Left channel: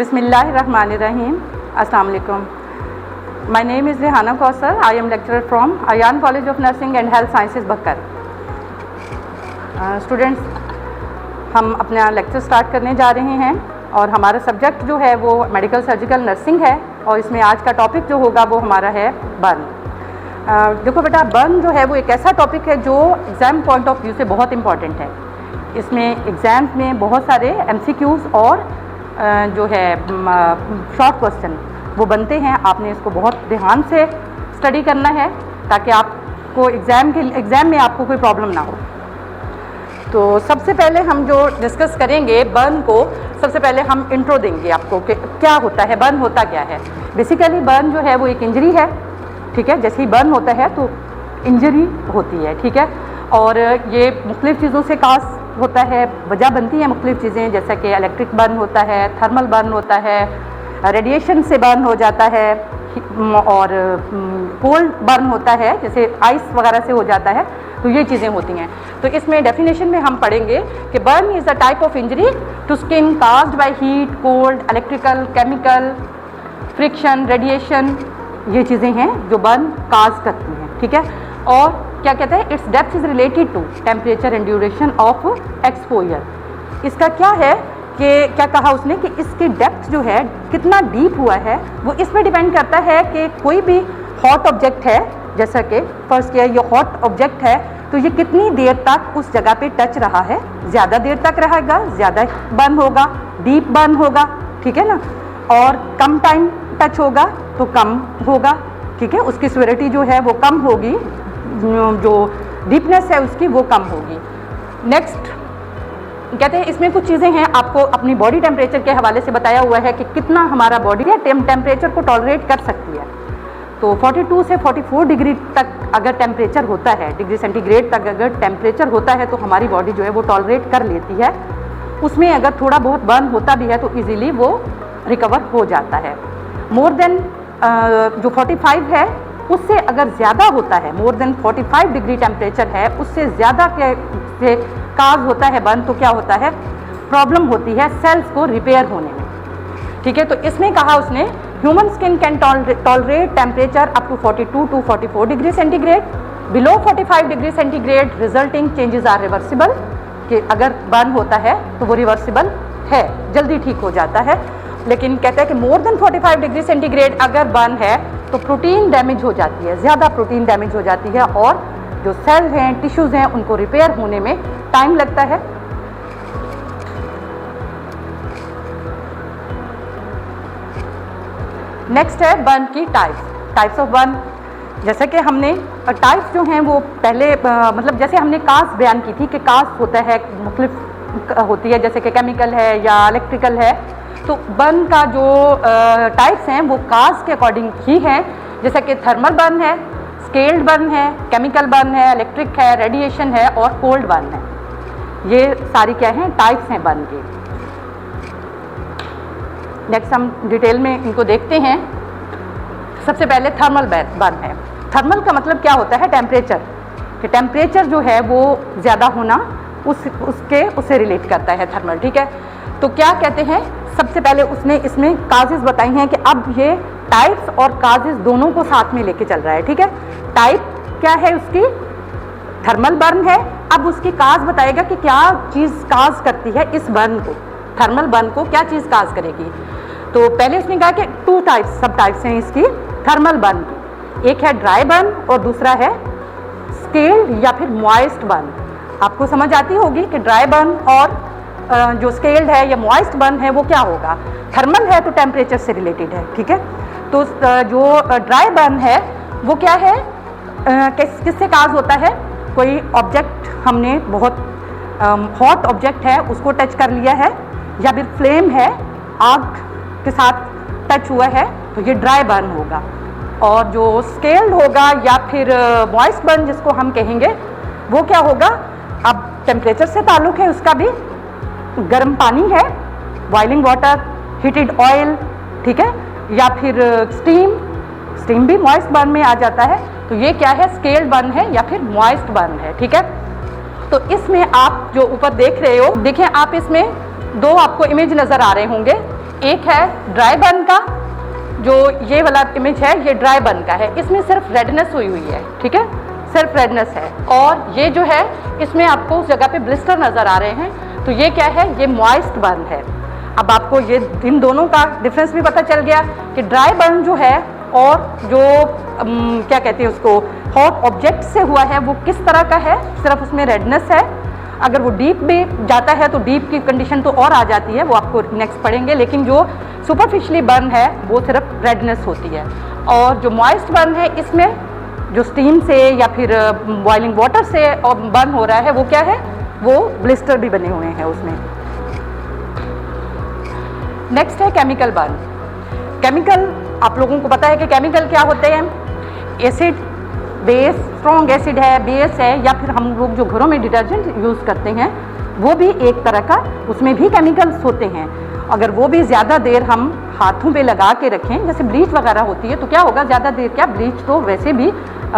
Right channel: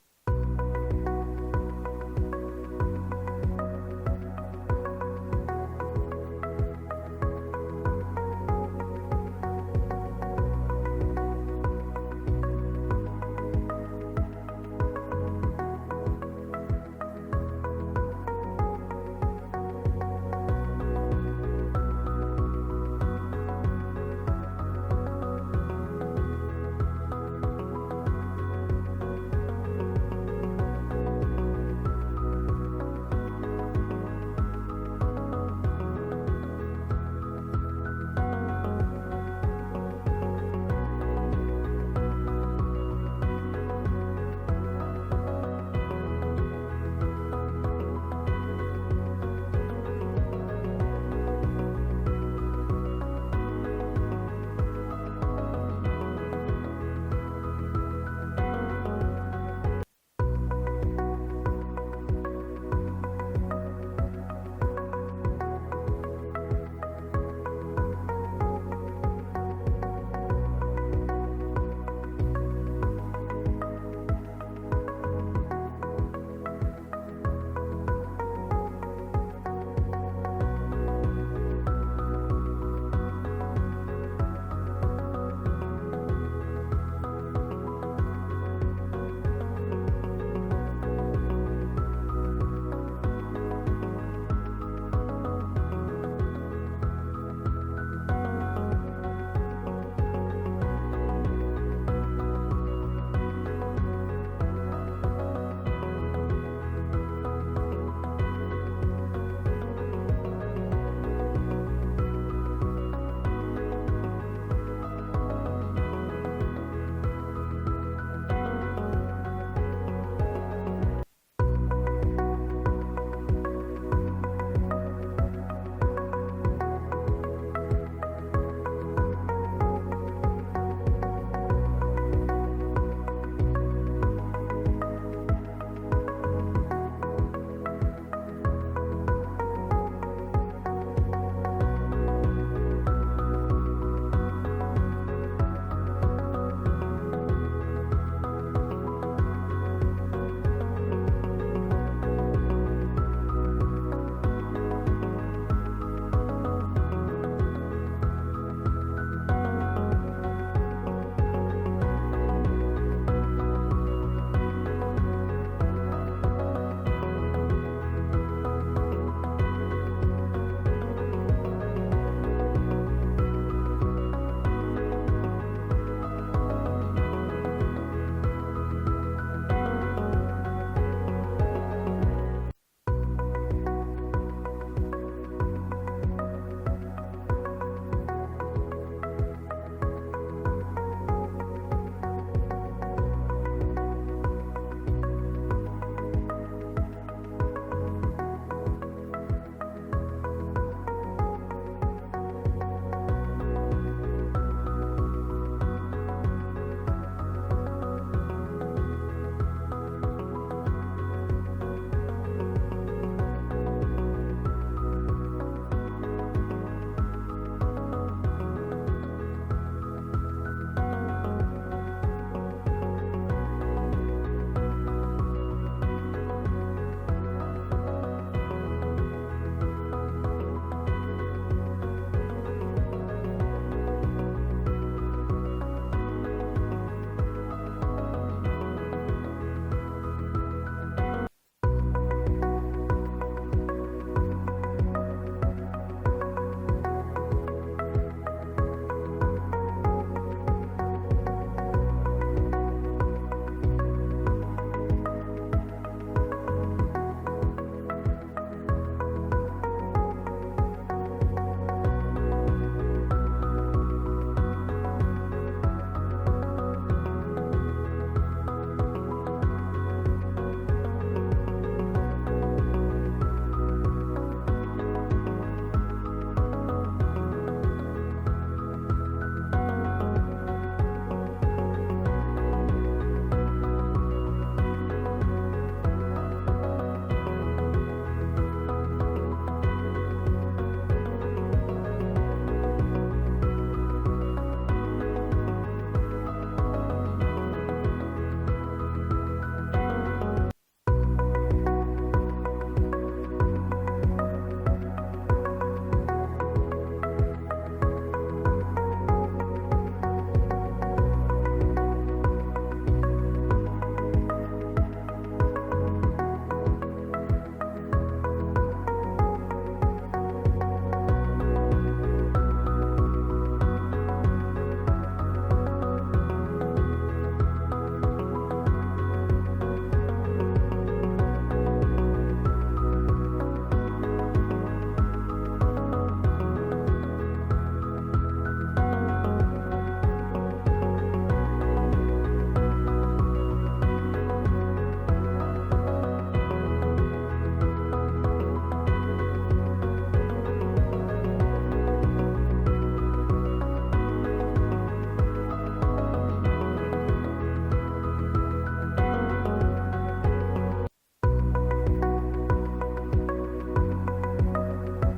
Bismillahirrahmanirrahim. Assalamu alaikum. My name is Rehana Kausar. I am lecturer from Ayan College of Nursing and Health Sciences, Bakkar. Students, हम अपना lecture start करने जा रहे हैं और हमारा सब्जेक्ट जो है वो मेडिकल सर्जिकल नर्सिंग है और इसमें आज का टॉपिक जो होगा वो हमारा है बर्न। देखो बेटा, बर्न जो है वो एक ऐसा टॉपिक है जो एग्ज़ाम पॉइंट ऑफ व्यू से बहुत इम्पॉर्टेंट है। इसमें एग्ज़ाम्स में बहुत सारे MCQs और जो है शॉर्ट क्वेश्चन वो बनते हैं। आपने इसको बहुत ध्यान से स्टडी करना है ताकि आपको एग्ज़ाम में आपको कोई प्रॉब्लम ना हो। तो सबसे पहले हम जो डिस्कस करेंगे बर्न को, सबसे पहले हम इंट्रो देंगे आपको कि क्या होता है बर्न, होता क्या है। बेसिकली बर्न जो है वो एक इंजरी है, ठीक है। जैसे ही बर्न होता है तो इंजरी होती है, ठीक है। और ये मुख्तलिफ़ चीज़ों से काज होता है, वजह बनती है मुख्तलिफ़ चीज़ें, जैसा कि इलेक्ट्रिक बर्न होता है, थर्मल बर्न होता है, रेडिएशन से बर्न हो जाता है और कोल्ड बर्न होता है, जैसे आइस वगैरह से हो जाता है। तो ये चीज़ें होती हैं। तो इसमें डेफिनेशन में हम पढ़ेंगे कि burn is a type of injury to skin caused by heat, cold, electrical, chemical, friction, radiation, ये चीज़ें हैं जो बर्न काज करती हैं, ठीक है। और क्या कहते हैं, its depth is related to temperature and duration of exposure. इसका क्या है कि क्या कहा उसने कि इसकी डेप्थ जो है कितना डीप हुआ है वो इस पर डिपेंड करता है कि कोई भी हॉट ऑब्जेक्ट है, जैसा कि फर्स्ट किया ये हॉट ऑब्जेक्ट है, तो ये कितनी देर तक उस जगह पे टच रहा है। ज़्यादा देर तक रहेगा, ज़्यादा बर्न होगा, डीप बर्न होगा, ठीक है ना। और कम टाइम टच होगा तो कम होगा, ठीक है। उसकी सिवियरिटी जो है वो कम होगी, जो डीपनेस है उसकी वो कम होगी। नेक्स्ट कहते हैं इसमें कुछ चीज़ें हैं, आपको अपनी बॉडी टेम्परेचर के हवाले से बताया हुआ है कि कितना हमारा बॉडी है टेम्परेचर को टॉलरेट कर सकती है। तो 42 से 44 डिग्री तक अगर टेम्परेचर होता है, डिग्री सेंटीग्रेड तक अगर टेम्परेचर होता है तो हमारी बॉडी जो है वो टॉलरेट कर लेती है। उसमें अगर थोड़ा बहुत बर्न होता भी है तो इजीली वो रिकवर हो जाता है। मोर देन जो 45 है उससे अगर ज़्यादा होता है, मोर देन 45 डिग्री टेम्परेचर है, उससे ज़्यादा से काज होता है बर्न, तो क्या होता है, प्रॉब्लम होती है सेल्स को रिपेयर होने में, ठीक है। तो इसमें कहा उसने human skin can tolerate temperature up to 42 to 44 degree centigrade, below 45 degree centigrade resulting changes are reversible, कि अगर बर्न होता है तो वो रिवर्सिबल है, जल्दी ठीक हो जाता है। लेकिन कहते हैं कि मोर देन 45 डिग्री सेंटीग्रेड अगर बर्न है तो प्रोटीन डैमेज हो जाती है, ज़्यादा प्रोटीन डैमेज हो जाती है और जो सेल हैं, टिश्यूज़ हैं, उनको रिपेयर होने में टाइम लगता है। नेक्स्ट है बर्न की टाइप्स ऑफ बर्न। जैसे कि हमने टाइप्स जो हैं वो पहले मतलब जैसे हमने कास्ट बयान की थी कि कास्ट होता है, मुख्तलिफ होती है, जैसे कि केमिकल है या इलेक्ट्रिकल है। तो बर्न का जो टाइप्स हैं वो कास्ट के अकॉर्डिंग ही हैं, जैसे कि थर्मल बर्न है, स्केल्ड बर्न है, केमिकल बर्न है, इलेक्ट्रिक है, रेडिएशन है और कोल्ड बर्न है। ये सारी क्या हैं, टाइप्स हैं बर्न के। नेक्स्ट हम डिटेल में इनको देखते हैं। सबसे पहले थर्मल बर्न है। थर्मल का मतलब क्या होता है, टेम्परेचर, कि टेम्परेचर जो है वो ज़्यादा होना उससे रिलेट करता है थर्मल, ठीक है। तो क्या कहते हैं, सबसे पहले उसने इसमें काजेज़ बताई हैं कि अब ये टाइप्स और काजेज़ दोनों को साथ में लेके चल रहा है, ठीक है। टाइप क्या है उसकी, थर्मल बर्न है। अब उसकी काज बताएगा कि क्या चीज़ काज करती है इस बर्न को, थर्मल बर्न को क्या चीज़ काज करेगी। तो पहले उसने कहा कि 2 टाइप्स, सब टाइप्स हैं इसकी थर्मल बर्न की। एक है ड्राई बर्न और दूसरा है स्केल्ड या फिर मॉइस्ट बर्न। आपको समझ आती होगी कि ड्राई बर्न और जो स्केल्ड है या मॉइस्ट बर्न है वो क्या होगा। थर्मल है तो टेम्परेचर से रिलेटेड है, ठीक है। तो जो ड्राई बर्न है वो क्या है, किससे काज होता है, कोई ऑब्जेक्ट हमने बहुत हॉट ऑब्जेक्ट है उसको टच कर लिया है या फिर फ्लेम है, आग के साथ टच हुआ है, तो ये ड्राई बर्न होगा। और जो स्केल्ड होगा या फिर मॉइस्ट बर्न जिसको हम कहेंगे वो क्या होगा, अब टेम्परेचर से ताल्लुक़ है उसका भी, गर्म पानी है, बॉइलिंग वाटर, हीटेड ऑयल, ठीक है, या फिर स्टीम भी मॉइस्ट बर्न में आ जाता है। तो ये क्या है, स्केल्ड बर्न है या फिर मॉइस्ट बर्न है, ठीक है। तो इसमें आप जो ऊपर देख रहे हो, देखें आप इसमें 2 आपको इमेज नज़र आ रहे होंगे। एक है ड्राई बर्न का, जो ये वाला इमेज है ये ड्राई बर्न का है, इसमें सिर्फ रेडनेस हुई हुई है, ठीक है, सिर्फ रेडनेस है। और ये जो है इसमें आपको उस जगह पे ब्लिस्टर नज़र आ रहे हैं, तो ये क्या है, ये मॉइस्ट बर्न है। अब आपको ये इन दोनों का डिफरेंस भी पता चल गया कि ड्राई बर्न जो है और जो क्या कहते हैं उसको हॉट ऑब्जेक्ट से हुआ है वो किस तरह का है, सिर्फ उसमें रेडनेस है। अगर वो डीप भी जाता है तो डीप की कंडीशन तो और आ जाती है, वो आपको नेक्स्ट पढ़ेंगे। लेकिन जो सुपरफिशियली बर्न है वो सिर्फ रेडनेस होती है। और जो मॉइस्ट बर्न है इसमें जो स्टीम से या फिर बॉइलिंग वाटर से बर्न हो रहा है वो क्या है, वो ब्लिस्टर भी बने हुए हैं उसमें। नेक्स्ट है केमिकल बर्न। केमिकल, आप लोगों को पता है कि केमिकल क्या होते हैं, एसिड, बेस, स्ट्रॉन्ग एसिड है, बेस है, या फिर हम लोग जो घरों में डिटर्जेंट यूज़ करते हैं वो भी एक तरह का, उसमें भी केमिकल्स होते हैं। अगर वो भी ज़्यादा देर हम हाथों पे लगा के रखें, जैसे ब्लीच वगैरह होती है, तो क्या होगा, ज़्यादा देर क्या, ब्लीच तो वैसे भी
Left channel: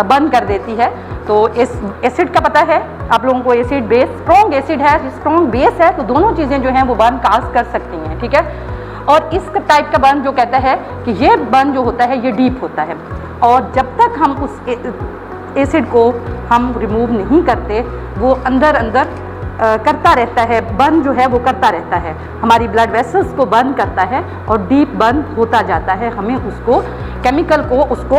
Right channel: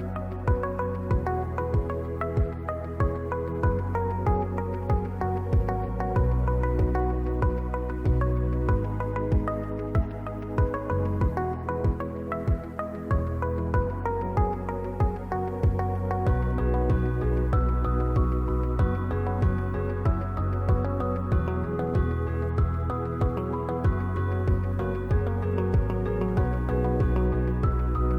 बर्न कर देती है। तो इस एसिड का पता है आप लोगों को, एसिड, बेस, स्ट्रॉन्ग एसिड है, स्ट्रॉन्ग बेस है, तो दोनों चीज़ें जो हैं वो बर्न काज कर सकती हैं, ठीक है। और इस टाइप का बर्न जो कहता है कि ये बर्न जो होता है ये डीप होता है, और जब तक हम उस एसिड को हम रिमूव नहीं करते वो अंदर अंदर करता रहता है, बर्न जो है वो करता रहता है, हमारी ब्लड वेसल्स को बर्न करता है और डीप बर्न होता जाता है। हमें उसको, केमिकल को, उसको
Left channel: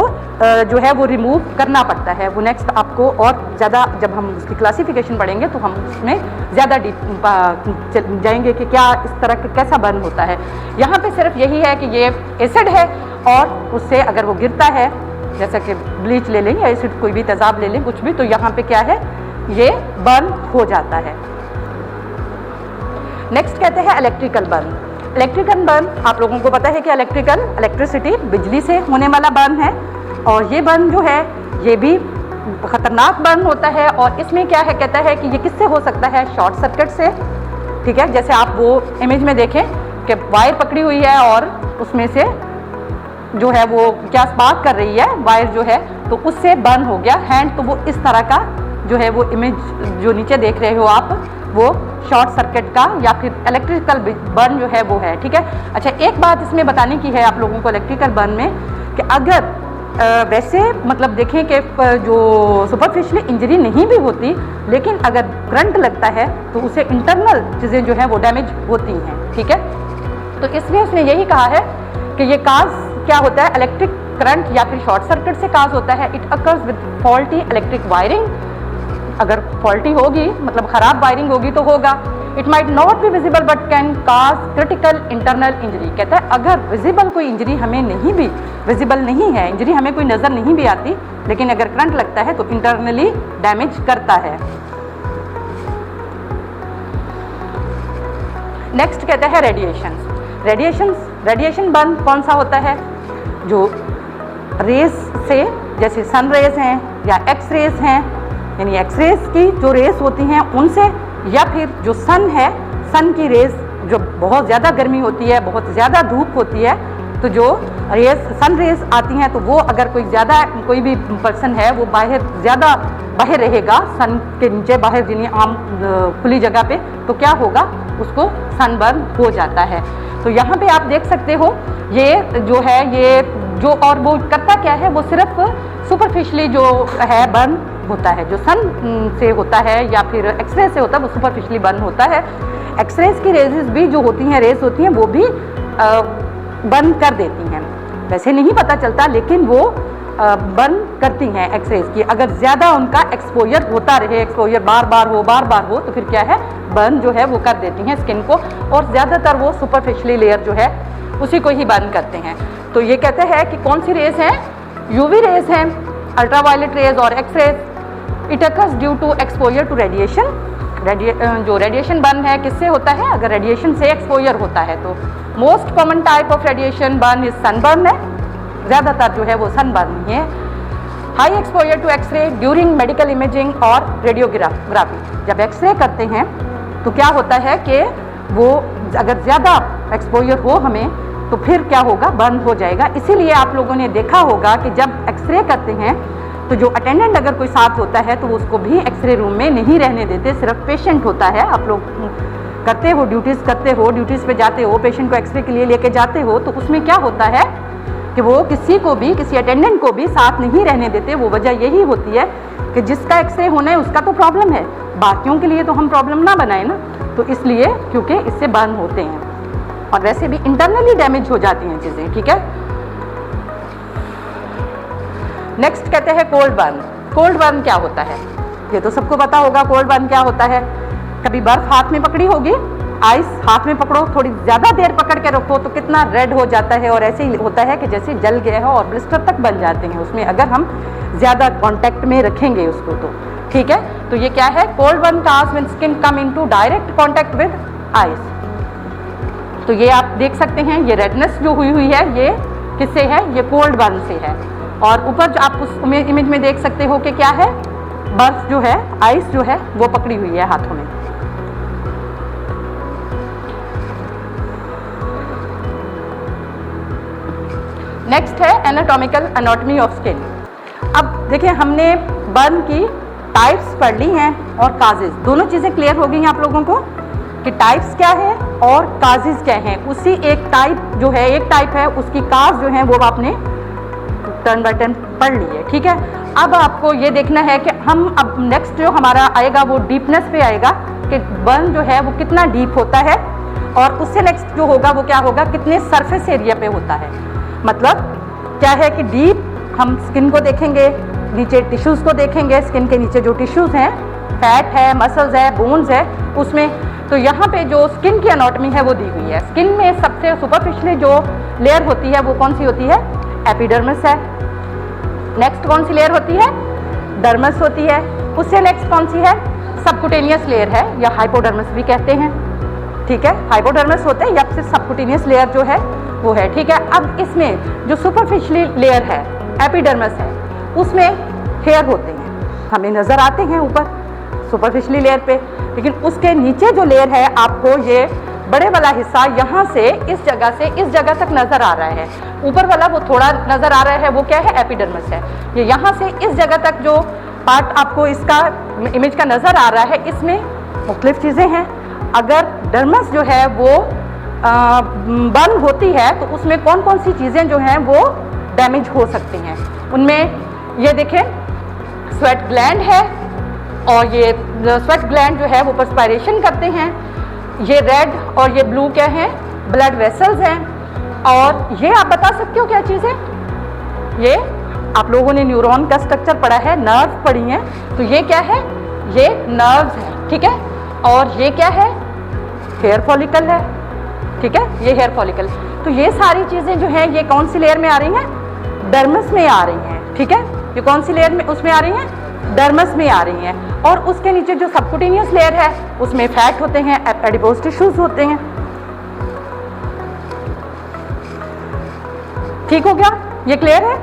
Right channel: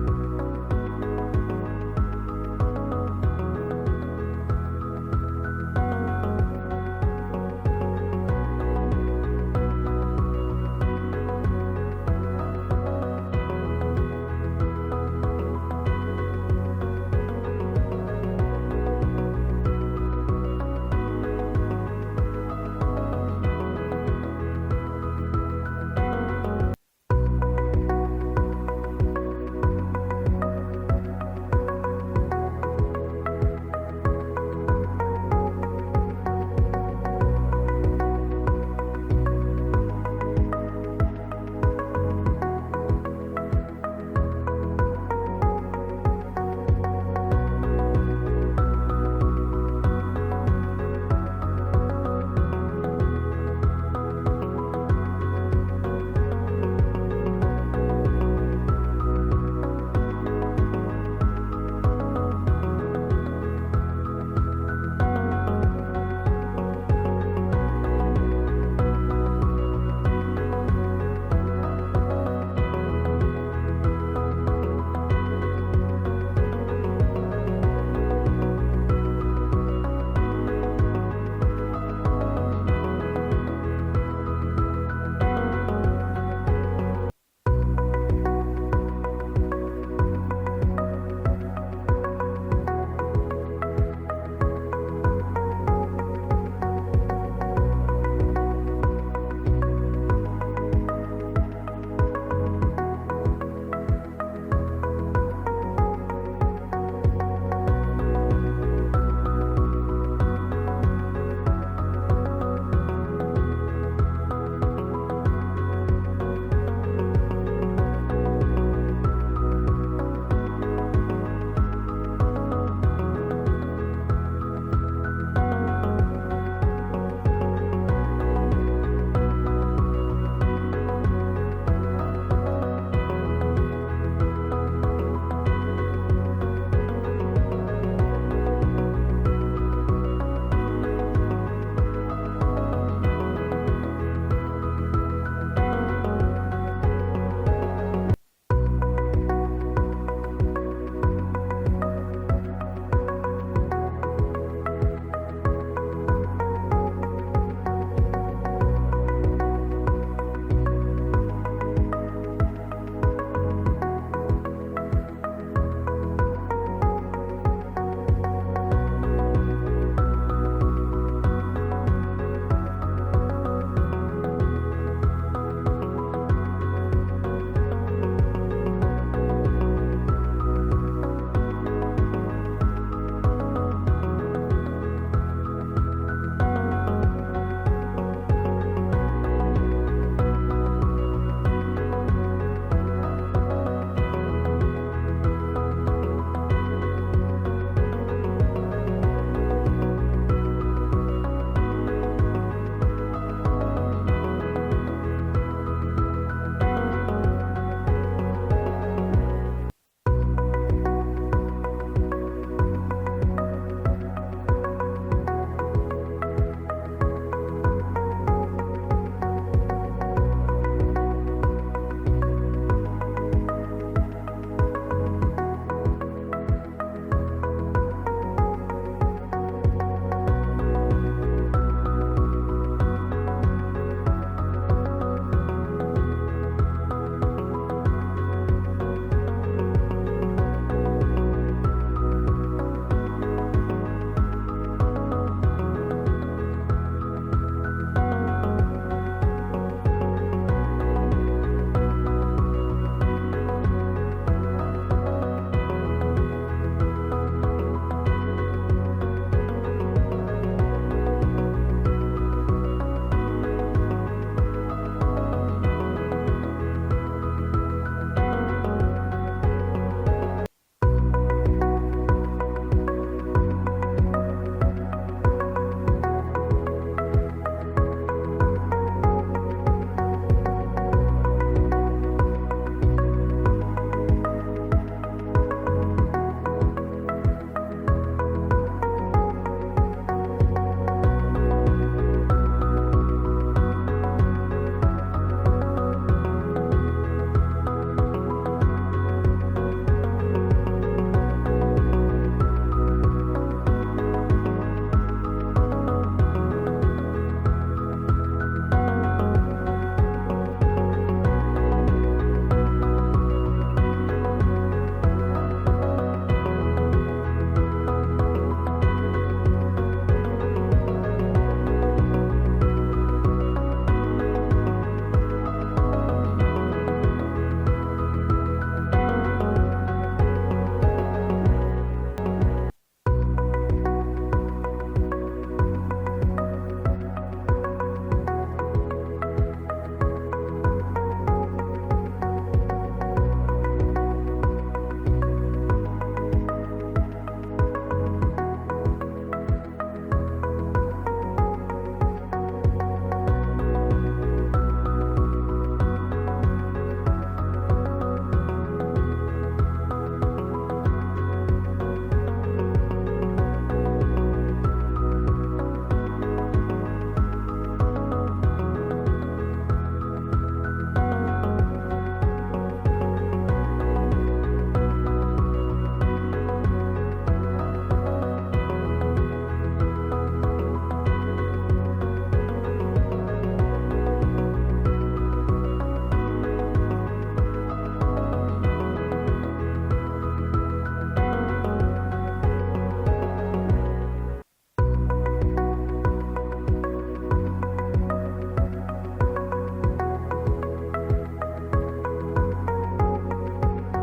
जो है वो रिमूव करना पड़ता है। वो नेक्स्ट आपको और ज़्यादा जब हम उसकी क्लासिफिकेशन पढ़ेंगे तो हम उसमें ज़्यादा डीप जाएंगे कि क्या इस तरह का कैसा बर्न होता है। यहाँ पे सिर्फ यही है कि ये एसिड है और उससे अगर वो गिरता है, जैसा कि ब्लीच ले लें या एसिड कोई भी तेजाब ले लें, कुछ भी, तो यहाँ पे क्या है, ये बर्न हो जाता है। नेक्स्ट कहते हैं इलेक्ट्रिकल बर्न। इलेक्ट्रिकल बर्न, आप लोगों को पता है कि इलेक्ट्रिसिटी, बिजली से होने वाला बर्न है, और ये बर्न जो है ये भी खतरनाक बर्न होता है। और इसमें क्या है, कहता है कि ये किससे हो सकता है, शॉर्ट सर्किट से, ठीक है। जैसे आप वो इमेज में देखें कि वायर पकड़ी हुई है और उसमें से जो है वो क्या स्पार्क कर रही है वायर जो है, तो उससे बर्न हो गया हैंड। तो वो इस तरह का जो है वो इमेज जो नीचे देख रहे हो आप, वो शॉर्ट सर्किट का या फिर इलेक्ट्रिकल बर्न जो है वो है, ठीक है। अच्छा, एक बात इसमें बताने की है आप लोगों को इलेक्ट्रिकल बर्न में कि अगर वैसे मतलब देखें कि जो सुपरफिशियली इंजरी नहीं भी होती, लेकिन अगर करंट लगता है तो उसे इंटरनल चीज़ें जो है वो डैमेज होती हैं, ठीक है। तो इसलिए उसने यही कहा है कि ये काज क्या होता है, इलेक्ट्रिक करंट या फिर शॉर्ट सर्किट से काज होता है। It occurs with faulty electric wiring. अगर फॉल्टी होगी मतलब खराब वायरिंग होगी तो होगा। It might not be visible but can cause critical internal injury. कहता है अगर विजिबल कोई इंजरी हमें नहीं भी विजिबल नहीं है, इंजरी हमें कोई नज़र नहीं भी आती, लेकिन अगर करंट लगता है तो इंटरनली डैमेज करता है। नेक्स्ट कहता है रेडिएशन। रेडिएशन बर्न कौन सा होता है, जो रेस से, जैसे सन रेस हैं या एक्स रेस हैं, यानी एक्स रेस की जो रेस होती हैं उनसे, या फिर जो सन है, सन की रेस जो बहुत ज़्यादा गर्मी होती है, बहुत ज़्यादा धूप होती है, तो जो रेस सन रेस आती हैं तो वो अगर कोई भी पर्सन है वो ज़्यादा बाहर रहेगा, सन के नीचे बाहर यानी आम खुली जगह पे, तो क्या होगा, उसको सनबर्न हो जाता है। तो यहाँ पे आप देख सकते हो ये जो है, ये जो, और वो करता क्या है, वो सिर्फ सुपरफिशियली जो है बर्न होता है, जो सन से होता है या फिर एक्सरे से होता है, वो सुपरफिशियली बर्न होता है। एक्सरेज की रेजेस भी जो होती हैं, रेस होती हैं, वो भी बर्न कर देती हैं। वैसे नहीं पता चलता, लेकिन वो बर्न करती हैं एक्सरेज की। अगर ज़्यादा उनका एक्सपोजर होता रहे, एक्सपोजर बार बार हो, तो फिर क्या है, बर्न जो है वो कर देती हैं स्किन को, और ज़्यादातर वो सुपरफिशियली लेयर जो है उसी को ही बर्न करते हैं। तो ये कहते हैं कि कौन सी रेस हैं, यूवी रेस हैं, अल्ट्रावायलेट रेज और X rays. It occurs due to exposure to radiation. जो रेडिएशन बर्न है किससे होता है, अगर रेडिएशन से एक्सपोजर होता है तो। Most common type of radiation burn is sunburn है, ज़्यादातर जो है वो सनबर्न ही है। High exposure to X ray during medical imaging और रेडियोग्राफी। जब एक्सरे करते हैं तो क्या होता है कि वो अगर ज़्यादा एक्सपोजर हो हमें, तो फिर क्या होगा, बर्न हो जाएगा। इसीलिए आप लोगों ने देखा होगा कि जब एक्सरे करते हैं तो जो अटेंडेंट अगर कोई साथ होता है तो उसको भी एक्सरे रूम में नहीं रहने देते, सिर्फ पेशेंट होता है। आप लोग करते हो, ड्यूटीज़ करते हो, ड्यूटीज़ पे जाते हो, पेशेंट को एक्सरे के लिए लेके जाते हो, तो उसमें क्या होता है कि वो किसी को भी, किसी अटेंडेंट को भी साथ नहीं रहने देते। वो वजह यही होती है कि जिसका एक्सरे होना है उसका तो प्रॉब्लम है, बाकियों के लिए तो हम प्रॉब्लम ना बनाए ना। तो इसलिए क्योंकि इससे बर्न होते हैं और वैसे भी इंटरनली डैमेज हो जाती हैं चीज़ें, ठीक है। नेक्स्ट कहते हैं कोल्ड बर्न। कोल्ड बर्न क्या होता है, ये तो सबको पता होगा कोल्ड बर्न क्या होता है। कभी बर्फ हाथ में पकड़ी होगी, आइस हाथ में पकड़ो, थोड़ी ज़्यादा देर पकड़ के रखो तो कितना रेड हो जाता है, और ऐसे ही होता है कि जैसे जल गया है और ब्लिस्टर तक बन जाते हैं उसमें, अगर हम ज़्यादा कांटेक्ट में रखेंगे उसको तो, ठीक है। तो ये क्या है, cold burn cause when skin come into direct contact with ice. तो ये आप देख सकते हैं, ये रेडनेस जो हुई है ये किससे है, ये कोल्ड बर्न से है। और ऊपर आप उस इमेज में देख सकते हो कि क्या है, बर्फ जो है, आइस जो है वो पकड़ी हुई है हाथों में। नेक्स्ट है एनाटॉमिकल एनाटॉमी ऑफ स्किन। अब देखिए, हमने बर्न की टाइप्स पढ़ ली हैं और काजेज, दोनों चीज़ें क्लियर हो गई हैं आप लोगों को कि टाइप्स क्या है और काजेज क्या हैं। उसी एक टाइप जो है, एक टाइप है, उसकी काज जो है वो आपने टर्न बाय टर्न पढ़ ली है, ठीक है। अब आपको ये देखना है कि हम अब नेक्स्ट जो हमारा आएगा वो डीपनेस पे आएगा कि बर्न जो है वो कितना डीप होता है, और उससे नेक्स्ट जो होगा वो क्या होगा, कितने सरफेस एरिया पे होता है। मतलब क्या है कि डीप हम स्किन को देखेंगे, नीचे टिश्यूज़ को देखेंगे, स्किन के नीचे जो टिश्यूज़ हैं, फैट है, मसल्स है, बोन्स है उसमें। तो यहाँ पे जो स्किन की एनाटॉमी है वो दी हुई है। स्किन में सबसे सुपरफिशियली जो लेयर होती है वो कौन सी होती है, एपिडर्मिस है। नेक्स्ट कौन सी लेयर होती है, डर्मस होती है। उससे नेक्स्ट कौन सी है, सबकुटेनियस लेयर है, या हाइपोडर्मस भी कहते हैं, ठीक है। हाइपोडर्मस होते हैं या फिर सबकुटेनियस लेयर जो है वो है, ठीक है। अब इसमें जो सुपरफिशियली लेयर है, एपिडर्मस है, उसमें हेयर होते हैं, हमें नज़र आते हैं ऊपर सुपरफिशियली लेयर पे, लेकिन उसके नीचे जो लेयर है आपको ये बड़े वाला हिस्सा यहाँ से इस जगह तक नज़र आ रहा है। ऊपर वाला वो थोड़ा नज़र आ रहा है, वो क्या है, एपिडर्मस है। ये यहाँ से इस जगह तक जो पार्ट आपको इसका इमेज का नज़र आ रहा है, इसमें मुख्तलिफ चीज़ें हैं। अगर डर्मस जो है वो बर्न होती है तो उसमें कौन कौन सी चीज़ें जो हैं वो डैमेज हो सकती हैं। उनमें ये देखें, स्वेट ग्लैंड है, और ये स्वेट ग्लैंड जो है वो पर्सपायरेशन करते हैं। ये रेड और ये ब्लू क्या हैं, ब्लड वेसल्स हैं। और ये आप बता सकते हो क्या चीज़ है, ये आप लोगों ने न्यूरॉन का स्ट्रक्चर पढ़ा है, नर्व पढ़ी है, तो ये क्या है, ये नर्व्स है, ठीक है। और ये क्या है, हेयर फॉलिकल है, ठीक है, ये हेयर फॉलिकल। तो ये सारी चीज़ें जो हैं ये कौन सी लेयर में आ रही हैं, डर्मस में आ रही हैं, ठीक है। ये कौन सी लेयर में उसमें आ रही हैं, डर्मस में आ रही हैं। और उसके नीचे जो सबकुटेनियस लेयर है उसमें फैट होते हैं, एडिपोज टिश्यूज होते हैं, ठीक हो गया, ये क्लियर है।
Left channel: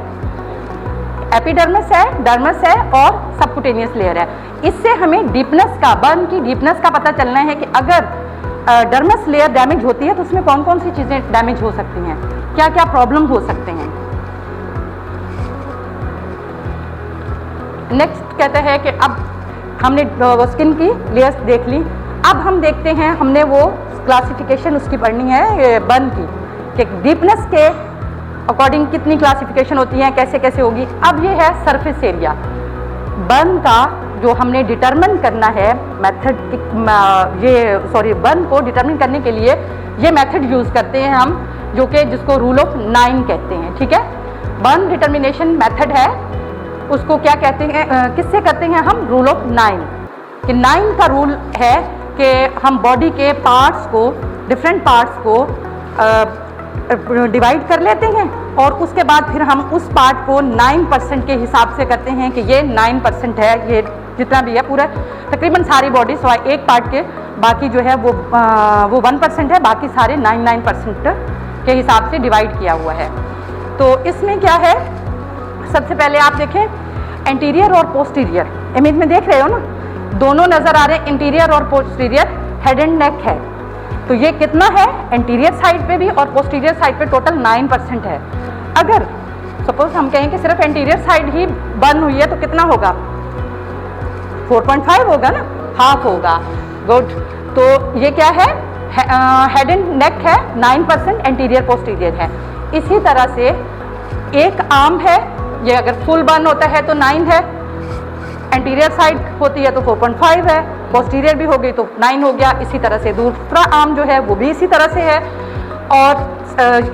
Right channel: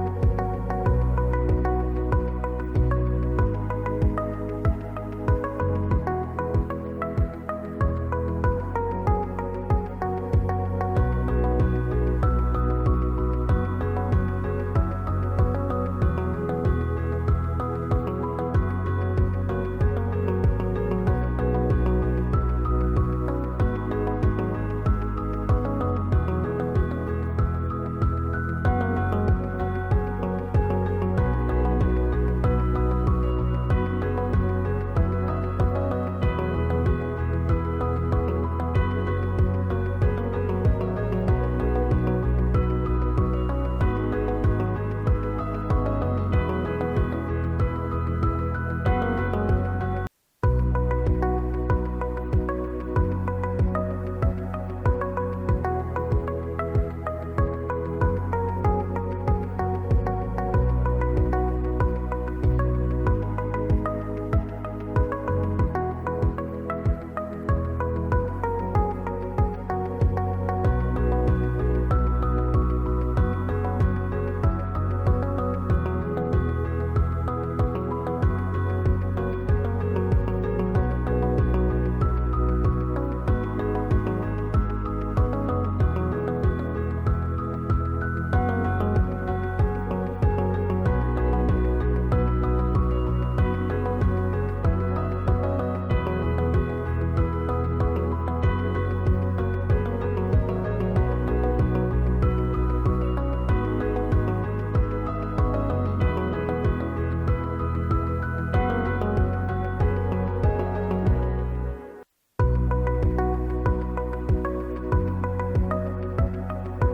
एपिडर्मिस है, डर्मस है और सबकुटेनियस लेयर है। इससे हमें डीपनेस का, बर्न की डीपनेस का पता चलना है कि अगर डर्मस लेयर डैमेज होती है तो उसमें कौन कौन सी चीज़ें डैमेज हो सकती हैं, क्या क्या प्रॉब्लम हो सकते हैं। नेक्स्ट कहते हैं कि अब हमने स्किन की लेयर्स देख ली, अब हम देखते हैं, हमने वो क्लासिफिकेशन उसकी पढ़नी है बर्न की, कि डीपनेस के अकॉर्डिंग कितनी क्लासिफिकेशन होती है, कैसे कैसे होगी। अब ये है सरफेस एरिया बर्न का, जो हमने डिटरमिन करना है मेथड, बर्न को डिटरमिन करने के लिए ये मेथड यूज़ करते हैं हम, जो कि जिसको रूल ऑफ 9 कहते हैं, ठीक है। बर्न डिटरमिनेशन मेथड है, उसको क्या कहते हैं, किससे करते हैं हम, रूल ऑफ 9। कि 9 का रूल है कि हम बॉडी के पार्ट्स को, डिफरेंट पार्ट्स को डिवाइड कर लेते हैं, और उसके बाद फिर हम उस पार्ट को 9% के हिसाब से करते हैं कि ये 9% है, ये जितना भी है पूरा तकरीबन सारी बॉडी, सो एक पार्ट के बाकी जो है वो 1% है, बाकी सारे 9% के हिसाब से डिवाइड किया हुआ है। तो इसमें क्या है, सबसे पहले आप देखें एंटीरियर और पोस्टीरियर, इमेज में देख रहे हो ना, दोनों नज़र आ रहे हैं, इंटीरियर और पोस्टीरियर, हेड एंड नेक है। तो ये कितना है, एंटीरियर साइड पे भी और पोस्टीरियर साइड पे टोटल 9% है। अगर सपोज हम कहें कि सिर्फ एंटीरियर साइड ही बर्न हुई है तो कितना होगा, 4.5 होगा ना, हाफ होगा। गुड। तो ये क्या है, हेड एंड नेक है 9%, एंटीरियर पोस्टीरियर है। इसी तरह से एक आर्म है, ये अगर फुल बर्न होता है तो 9 है, एंटीरियर साइड होती है तो 4.5 है, पोस्टीरियर भी हो गई तो 9 हो गया। इसी तरह से दूसरा आर्म जो है वो भी इसी तरह से है। और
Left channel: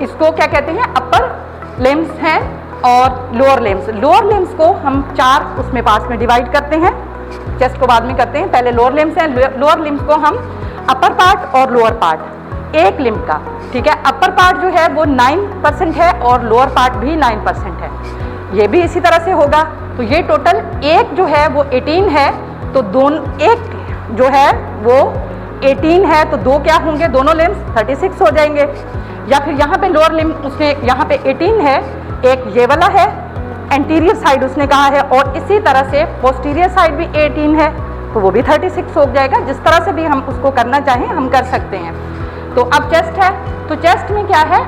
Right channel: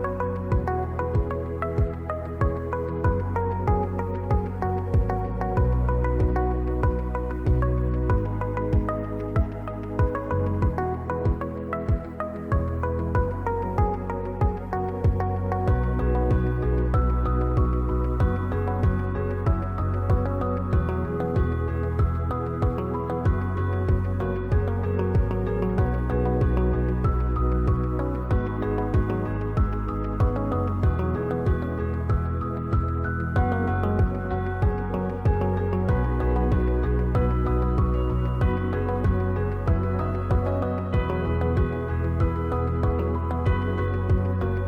इसको क्या कहते हैं, अपर लिम्स हैं और लोअर लिम्स। लोअर लिम्स को हम 4 उसमें पार्ट्स में डिवाइड करते हैं, चेस्ट को बाद में करते हैं, पहले लोअर लिम्स हैं। लोअर लिम्स को हम अपर पार्ट और लोअर पार्ट एक लिम्ब का, ठीक है। अपर पार्ट जो है वो 9% है और लोअर पार्ट भी 9% है, ये भी इसी तरह से होगा। तो ये टोटल एक जो है वो 18 है, तो दोनों एक जो है वो 18 है, तो दो क्या होंगे, दोनों लिम्स 36 हो जाएंगे। या फिर यहाँ पे लोअर लिम्ब उसने यहाँ पे 18 है, एक ये वाला है, एंटीरियर साइड उसने कहा है, और इसी तरह से पोस्टीरियर साइड भी 18 है, तो वो भी 36 हो जाएगा। जिस तरह से भी हम उसको करना चाहें हम कर सकते हैं। तो अब चेस्ट है, तो चेस्ट में क्या है,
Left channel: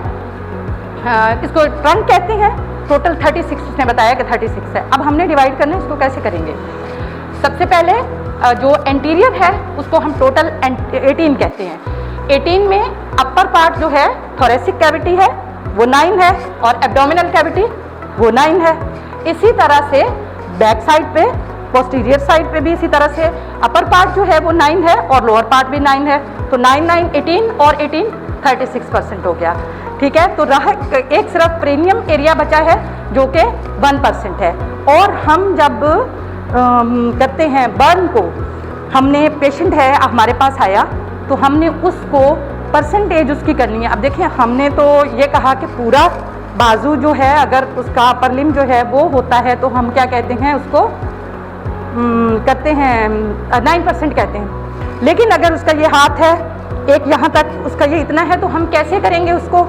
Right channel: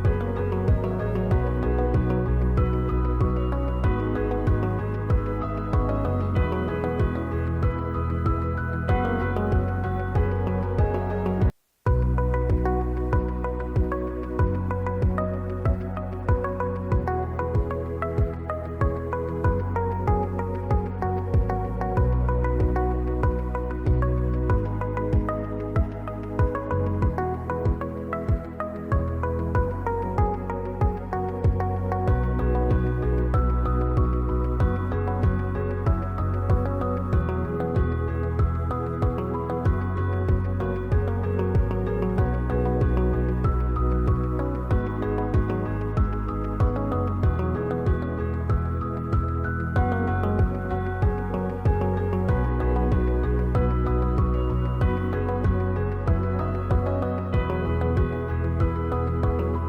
इसको ट्रंक कहते हैं। टोटल 36 उसने बताया कि 36 है। अब हमने डिवाइड करना है, इसको कैसे करेंगे। सबसे पहले जो एंटीरियर है उसको हम टोटल 18 कहते हैं। 18 में अपर पार्ट जो है थोरेसिक कैविटी है वो 9 है, और एब्डोमिनल कैविटी वो 9 है। इसी तरह से बैक साइड पे, पोस्टीरियर साइड पे भी इसी तरह से अपर पार्ट जो है वो 9 है और लोअर पार्ट भी 9 है। तो 9 9 18 और 18 36% हो गया, ठीक है। तो रहा एक सिर्फ प्रीनियम एरिया बचा है जो कि 1% है। और हम जब करते हैं बर्न को, हमने पेशेंट है हमारे पास आया तो हमने उसको परसेंटेज उसकी करनी है। अब देखिए हमने तो ये कहा कि पूरा बाजू जो है अगर उसका अपर लिम्ब जो है वो होता है तो हम क्या कहते हैं उसको करते हैं 9% कहते हैं। लेकिन अगर उसका ये हाथ है एक यहाँ तक, उसका ये इतना है, तो हम कैसे करेंगे उसको।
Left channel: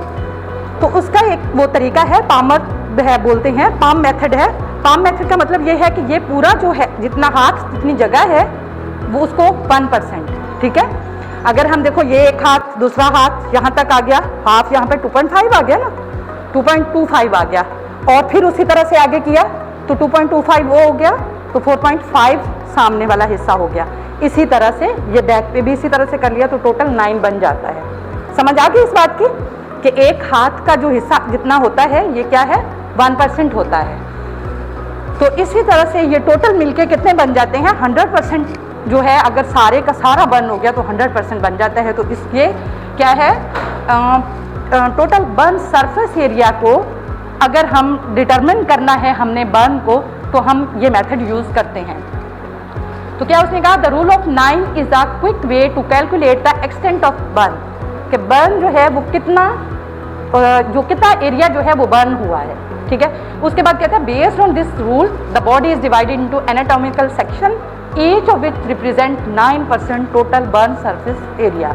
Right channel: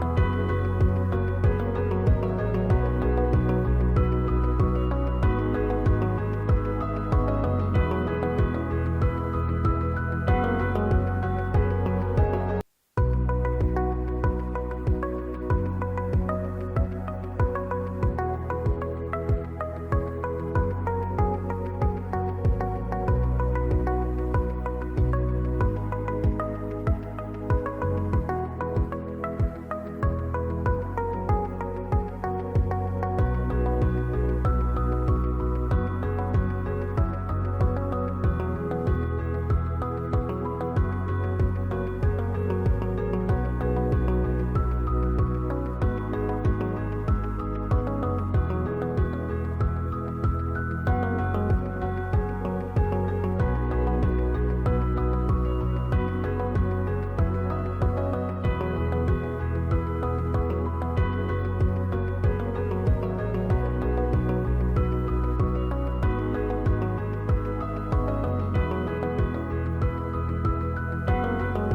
तो उसका एक वो तरीका है, पामर है बोलते हैं, पाम मेथड है। पाम मेथड का मतलब ये है कि ये पूरा जो है जितना हाथ जितनी जगह है वो उसको 1%, ठीक है। अगर हम देखो ये एक हाथ, दूसरा हाथ यहाँ तक आ गया, हाथ यहाँ पे 2.5 आ गया ना, 2.25 आ गया, और फिर उसी तरह से आगे किया तो 2.25 वो हो गया, तो 4.5 सामने वाला हिस्सा हो गया। इसी तरह से ये बैक पे भी इसी तरह से कर लिया तो टोटल 9 बन जाता है। समझ आ गई इस बात की कि एक हाथ का जो हिस्सा जितना होता है ये क्या है 1% होता है। तो इसी तरह से ये टोटल मिलके कितने बन जाते हैं 100% जो है। अगर सारे का सारा बर्न हो गया तो 100% बन जाता है। तो इसलिए क्या है टोटल बर्न सरफेस एरिया को अगर हम डिटरमिन करना है हमने बर्न को, तो हम ये मेथड यूज करते हैं। तो क्या उसने कहा the rule of 9 is a quick way to calculate the extent of burn, कि बर्न जो है वो कितना एरिया जो है वो बर्न हुआ है, ठीक है। उसके बाद कहता है based on this rule the body is divided into anatomical section each of which represent 9% total burn surface area,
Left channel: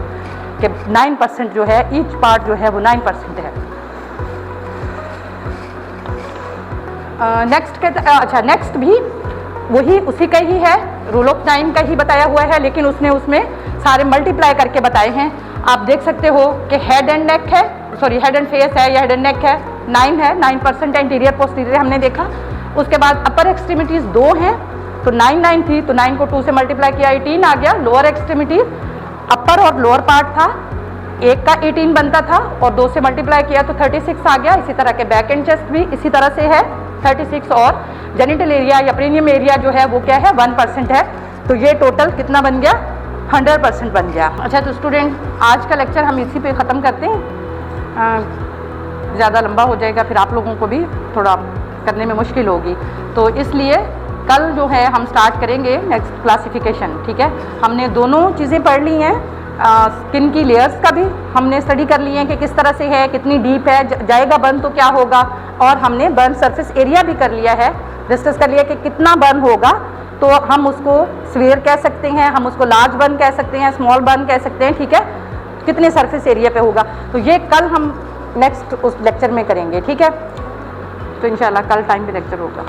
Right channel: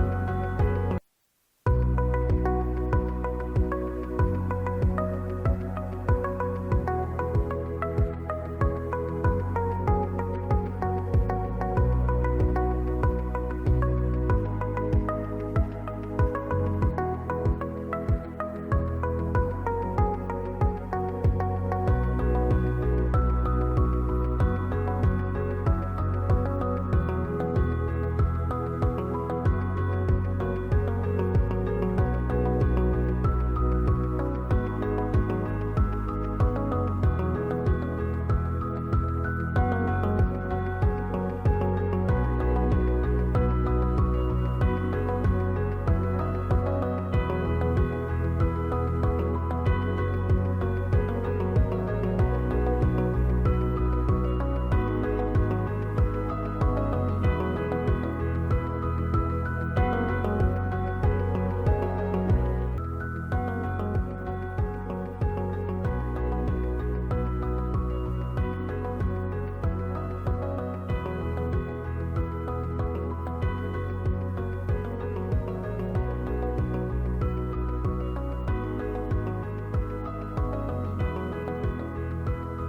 कि 9% जो है ईच पार्ट जो है वो 9% है। नेक्स्ट अच्छा नेक्स्ट भी वही उसी का ही है, रूल ऑफ 9 का ही बताया हुआ है, लेकिन उसने उसमें सारे मल्टीप्लाई करके बताए हैं। आप देख सकते हो कि हेड एंड नेक है, सॉरी हेड एंड फेस है या हेड एंड नेक है 9 है, 9% एंटीरियर पोस्टीरियर हमने देखा। उसके बाद अपर एक्सट्रीमिटीज 2 हैं तो 9 9 थी, तो 9 को 2 से मल्टीप्लाई किया 18 आ गया। लोअर एक्सट्रीमिटी अपर और लोअर पार्ट था, एक का 18 बनता था और 2 से मल्टीप्लाई किया तो 36 आ गया। इसी तरह के बैक एंड चेस्ट भी इसी तरह से है 36, और जेनिटल एरिया या प्रीनियम एरिया जो है वो क्या है 1% है। तो ये टोटल कितना बन गया 100% बन गया। अच्छा तो स्टूडेंट आज का लेक्चर हम इसी पे ख़त्म करते हैं, ज़्यादा लंबा हो जाएगा फिर आप लोगों को भी थोड़ा करने में मुश्किल होगी। तो इसलिए कल जो है हम स्टार्ट करेंगे नेक्स्ट क्लासिफिकेशन, ठीक है। हमने दोनों चीज़ें पढ़ ली हैं, स्किन की लेयर्स का भी हमने स्टडी कर ली है कि किस तरह से है, कितनी डीप है, जाएगा बर्न तो क्या होगा, और हमने बर्न सरफेस एरिया भी कर लिया है, डिस्कस कर लिया कि कितना बर्न होगा। तो हम उसको स्फीयर कह सकते हैं, हम उसको लार्ज बर्न कह सकते हैं, स्मॉल बर्न कह सकते हैं, ठीक है, कितने सरफेस एरिया पे होगा। तो ये कल हम नेक्स्ट उस लेक्चर में करेंगे, ठीक है। तो इंशाल्लाह कल टाइम पे लेक्चर होगा।